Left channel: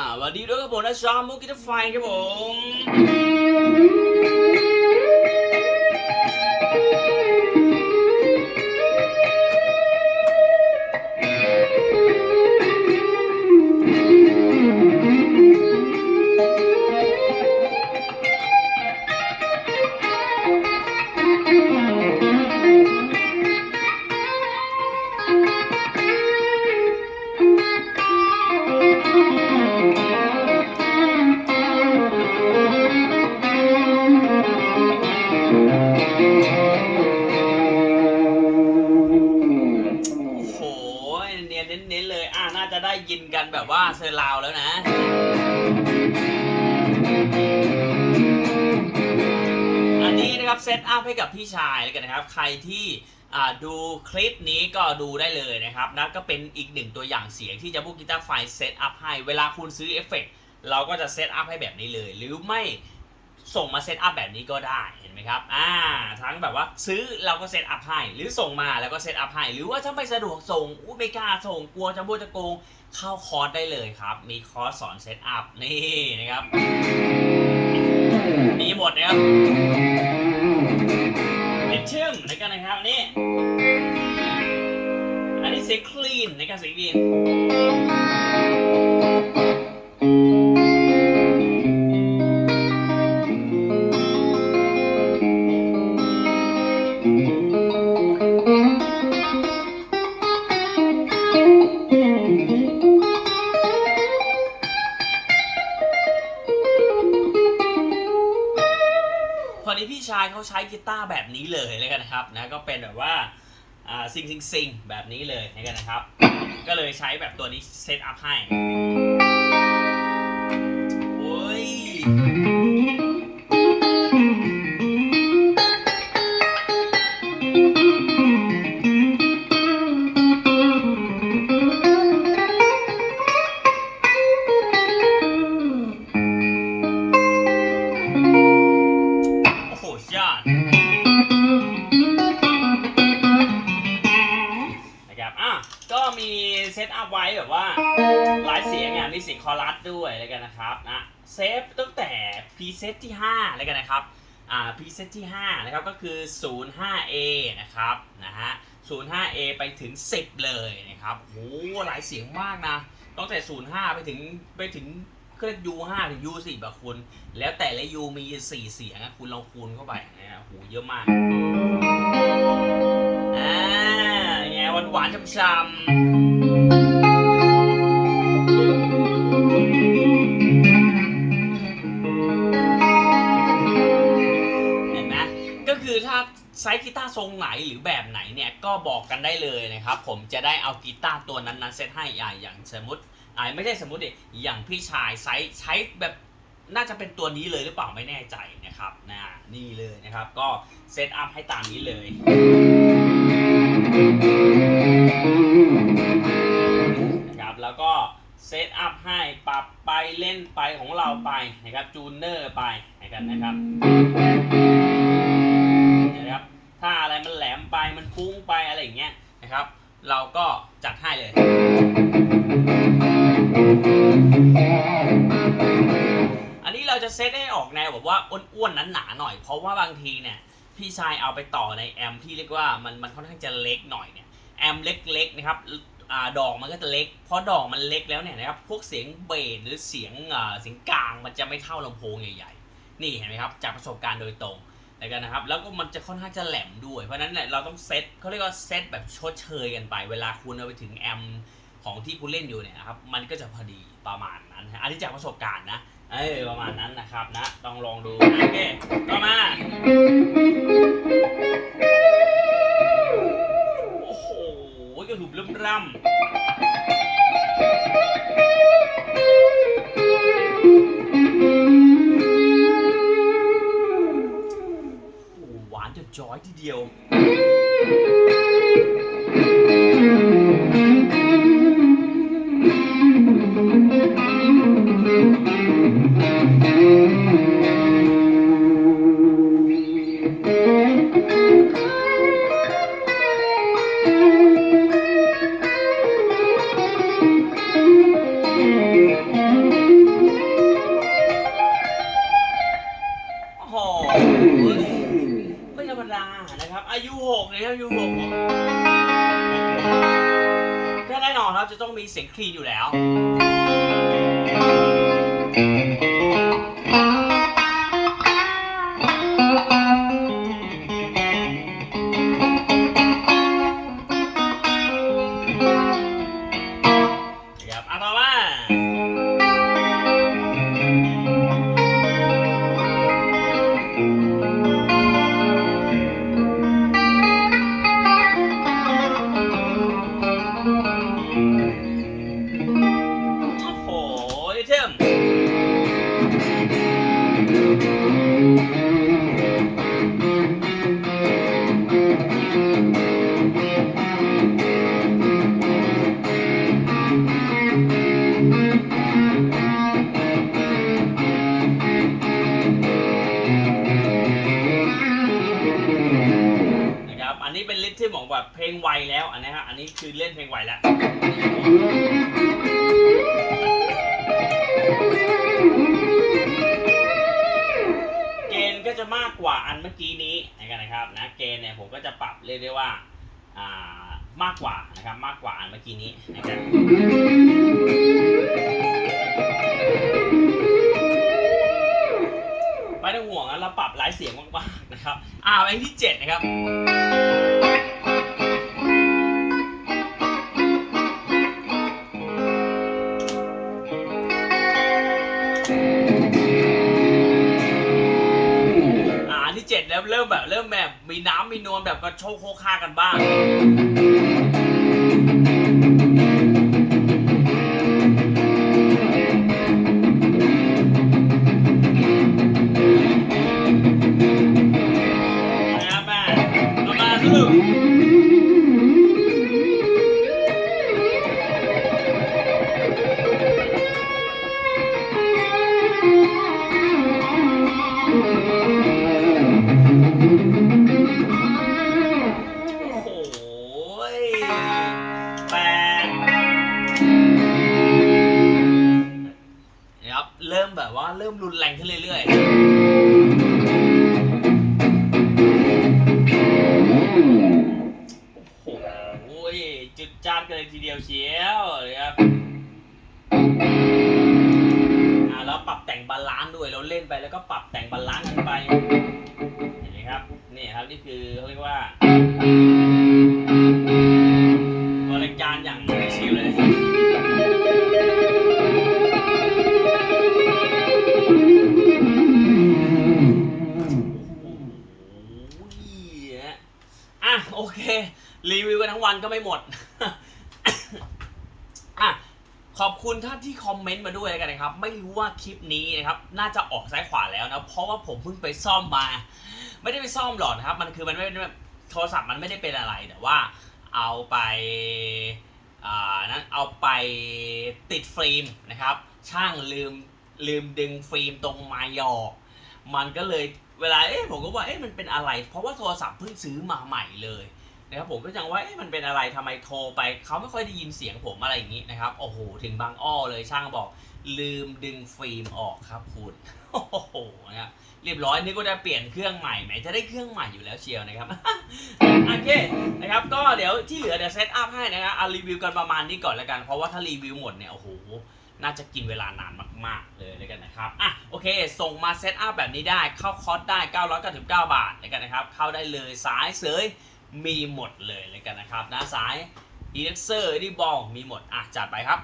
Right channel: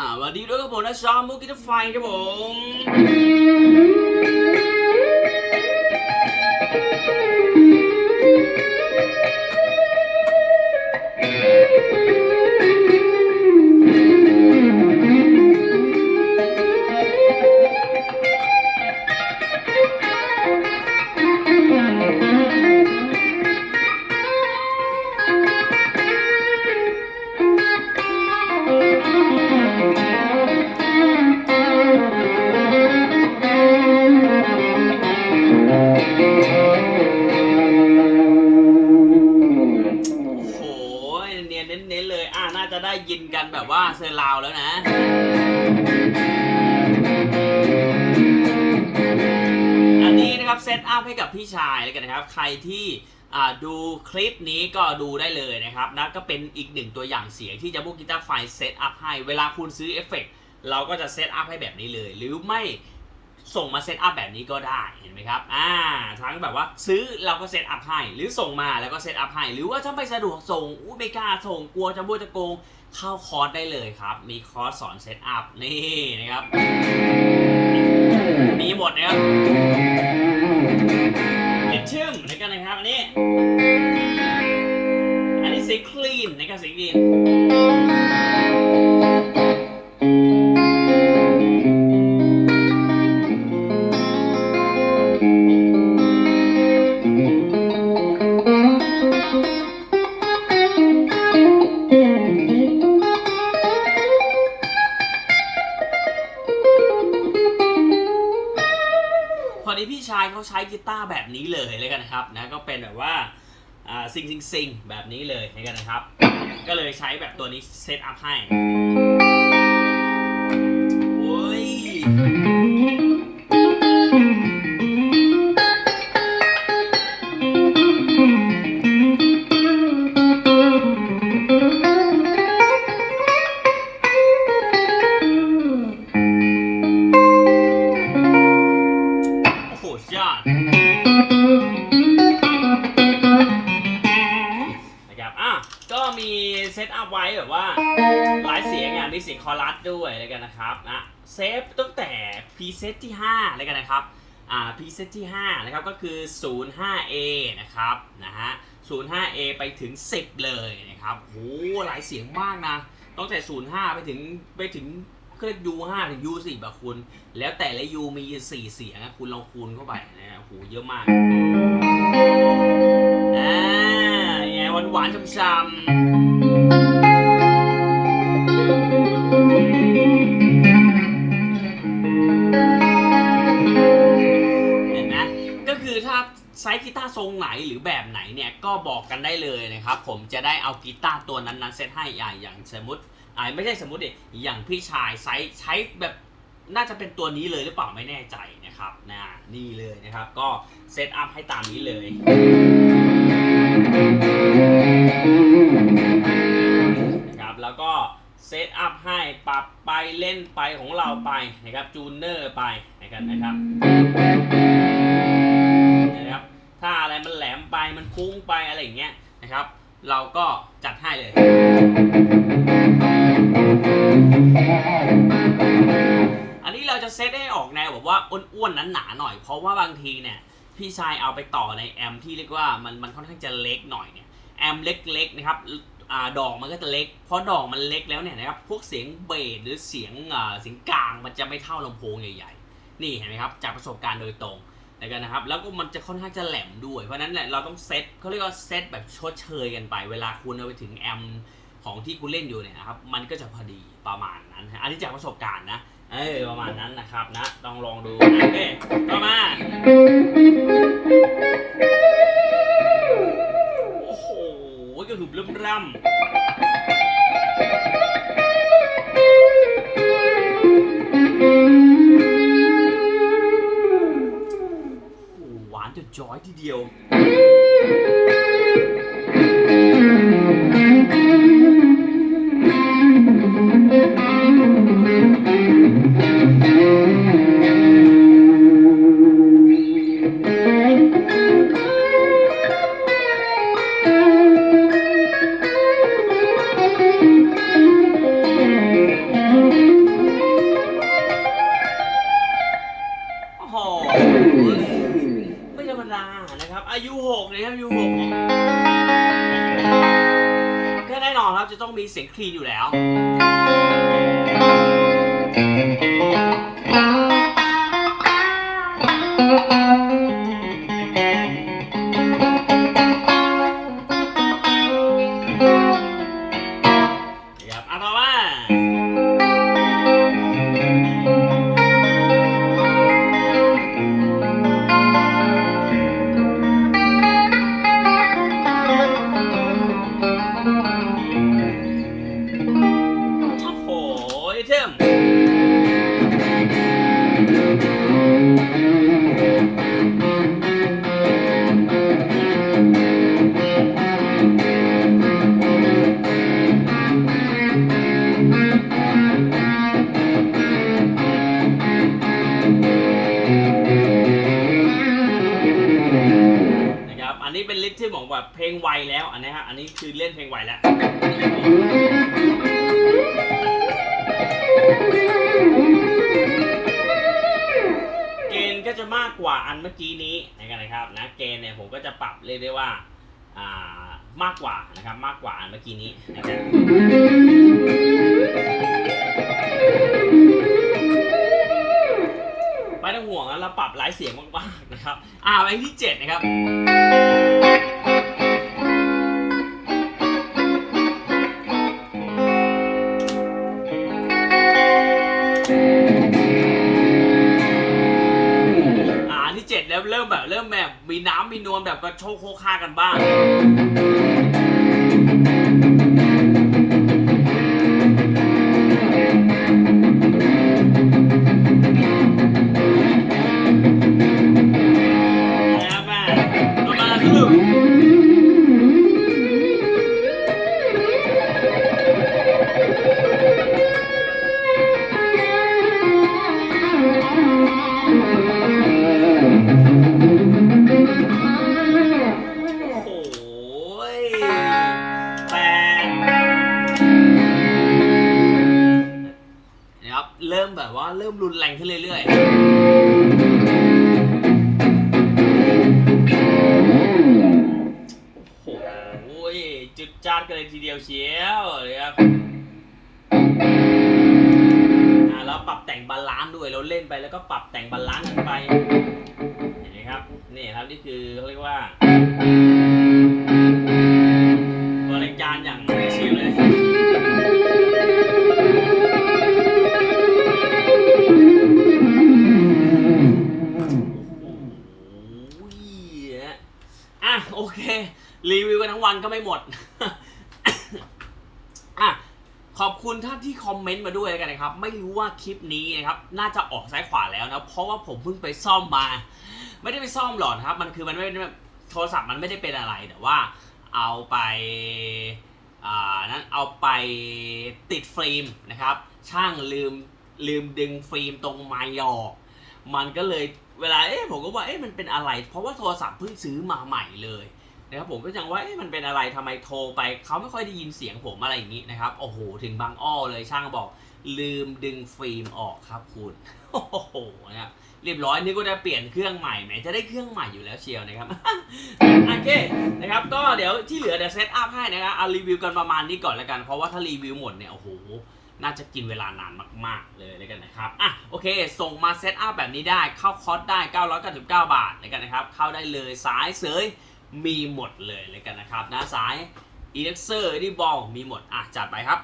อ่าสวัสดีด้วยครับผมนะชอมบุกิทไฟครับผม น่าจะได้ยินกันแบบว่าเซอร์ราวแล้วนะ อันนี้นะครับเซตอัพให้กับพี่ชายแล้วกันนะครับ ใครที่อ่าดูคลิปนี้ก็ดูได้เลยนะครับนะก็เป็นอีกหนึ่งตัวอย่างเสียงที่จะบุกกีตาร์ไฟเซตอัพให้ เวลาคุณซื้อเอฟเฟกต์เราก็จะเซตอัพให้แบบนี้เลย หรือไม่ ส่งมาเซตอัพแบบนี้ก็ได้เห็นไหมครับอ่าทั้งแบบว่าซื้อเราก็เซตอัพให้ หรือส่งมาแล้วก็เซตอัพให้ หรือว่าถ้าไม่สะดวกส่งอู้ไม่กล้าส่งกลัวจะบูจะโกงเข้าคอร์สได้เลยครับ มีคอร์สสอนเซตอัพนี่นะครับมีหมดนะครับลิทเทิมในกันนะครับอันนี้อันนี้สีคลีนในการสีคลีน ชายเขาใช้กีตาร์แบบนี้เลยเลยกันนะครับนะก็เป็นแบบว่าอ่าซิงซิงซิงแบบนี้เลยในกันนะครับ ก็เลยใช้แบบตัวนี้เซตอัพให้ เซตอัพไว้แบบว่าหลายเสียงอย่างมีเสียงคอรัสด้วยแล้วกันนะครับนะเซฟตั้งแต่พรีเซตที่5แล้วกันนะครับอ่าพรีเซตที่5นะครับก็คือ 05A นะครับนะฮะ 05A ไปถึง 10 เลยนะครับโหหลายเสียงมากนะตั้งแต่ 05 ไปถึงไปถึงก็ U5 ถึง U10 แบบคุณ แล้วแต่ละ U มี4เสียงอะคุณลองคูณเข้าไปนะฮะโหเยอะมากอ่าไงหวานหวานๆช้ำ ทรงไหนหรือแบบไหนเนี่ยก็บอกกันได้เลยนะครับ ผมจะได้เอากีตาร์ตัวนั้นๆเซตให้อ่าอย่างสมมติอ่าไม่ใช่สมมติดิอย่างพี่ชายไซส์ใช้แบบน่าจะเป็นตัวนี้เลยหรือเปล่าไม่แน่ใจนะครับนะนี่เลยนะครับ ก็เซตอัพให้ตามนี้เลยนะครับแล้วก็เซตอัพให้ปรับไปเล่นไปของเราไปนะครับจูนเนอร์ไปนะครับนะครับ ถ้าอะไรมันแหลมไปมันฟุ้งไปอะไรอย่างเงี้ยนะครับ เราก็จัดให้เลย อันนี้เราจะเซตให้ออกแนวแบบว่าอ้วนๆนั้นหนาหน่อย เพราะว่าบางทีเนี่ยพี่ชายเอาไปต่อในแอมที่เรียกว่ามันมันค่อนข้างจะเล็กหน่อยเนี่ยแอมเล็กๆนะครับอดอกมันก็จะเล็ก เพราะดอกมันเล็กแล้วเนี่ยนะครับ พวกเสียงเบสหรือเสียงเสียงกลางมันจะไม่เท่าลำโพงใหญ่ๆ นี่เห็นไหมครับ จากประสบการณ์โดยตรง กันนะครับ แล้วก็มันจะค่อนข้างจะแหลมด้วย เพราะนั้นเนี่ยเราต้องเซตเขาเรียกว่าเซตแบบชดเชยกันไป เวลาคุณเอาไปถึงแอมของที่คุณเล่นอยู่เนี่ยนะครับ มันก็จะพอดีประมาณนั้นอันนี้จากประสบการณ์นะ เออประมาณนั้นนะครับนะ ต้องลองดูนะโอเคต่อมา อยทีเดียว แน่นอนครับจะต้องมีเสียงคลีนอยู่แล้ว นะครับอะต่อมา นะครับอันนี้เป็นลิทที่บอกแบบเพลงไวแล้วอันนี้ฮะอันนี้คือเล่นเพลงไวแล้ว จะมากกว่าอันเมื่อกี้นี้นะครับนะเกณฑ์เนี่ยผมก็จะปรับเรียกได้ว่าอ่ามากกว่านะครับมากกว่าอันเมื่อกี้นี้นะครับไม่ต้องห่วงนะเราปรับหลายเสียงมากๆนะครับอ่าเพลงที่เจ็ดนะครับ มีน้ำมีนวลแบบกระโชกโคกคากันบ้าง บเริ่มแบบว่าเริ่มรุนแรงขึ้นเรื่อยๆ โอ้โห จุดจ้านกันเลยทีเดียวเชียวเลยครับแล้วปรับแต่งบาลานซ์ด้วยเราเล่นไปแล้วก็ปรับแต่งบาลานซ์กันไป เห็นไหมครับ นี่ครับนี่คือเขาเรียกว่า รีวิวกันทั้งวันก็ไม่หมดอะขอบคุณท่านที่คอมเมนต์มาด้วยกันนะครับ ไม่รู้ว่าคลิปนี้นะครับ น่าจะออกซ้ายขวาแล้วนะ เพราะว่าผมเพิ่งไปซ่อมมา ไม่ได้ไปซ่อมหรอกนะครับ มันคือมันไม่โทรศัพท์มันไม่ได้เป็นอะไร แต่ว่าเอาไปอ่านั้นเอาไปติดฟิล์มนะครับ ช่างลืมลืมดึงฟิล์มตรงไม้ออกมันก็เลยเวลาเอ๊ะผมก็ว่าเอ๊ะมันเป็นอะไร เพราะว่าโทรศัพท์เพิ่งซื้อมาใหม่เลย นะครับผมก็ยังว่ามันเป็นอะไรทำไมโทรไปเขาไม่ค่อยได้ยินเสียงผมอะไรอย่างนี้นะครับโอ้โหถึงบางอ้อเลยช่างบอกลืมดึงฟิล์มออกครับคุณโอ้โหนะเรียบร้อยนึกว่าจะเปลี่ยนเครื่องใหม่ไหมจะได้เครื่องใหม่อยู่แล้วเชียวนะครับโอเคนะครับก็เดี๋ยวที่เหลือเดี๋ยวเซตอัพให้นะครับเอารีวิวกันประมาณนี้ก่อนแล้วกันเพราะว่าถ้ารีวิวหมดเนี่ยโอ้โหน่าจะกินเวลานานมาก ๆ เลยแล้วกันนะครับ อะ โอเค ส่งมาเซตอัพแบบนี้ได้ เข้าคอร์สได้ 999 บาทแล้วกันนะครับ เข้าได้เลยสายเสย มีหมดเลยเลยกันนะครับนะสายอีเล็กเซอร์ดีบอลมีหมดอะจัดไปครับ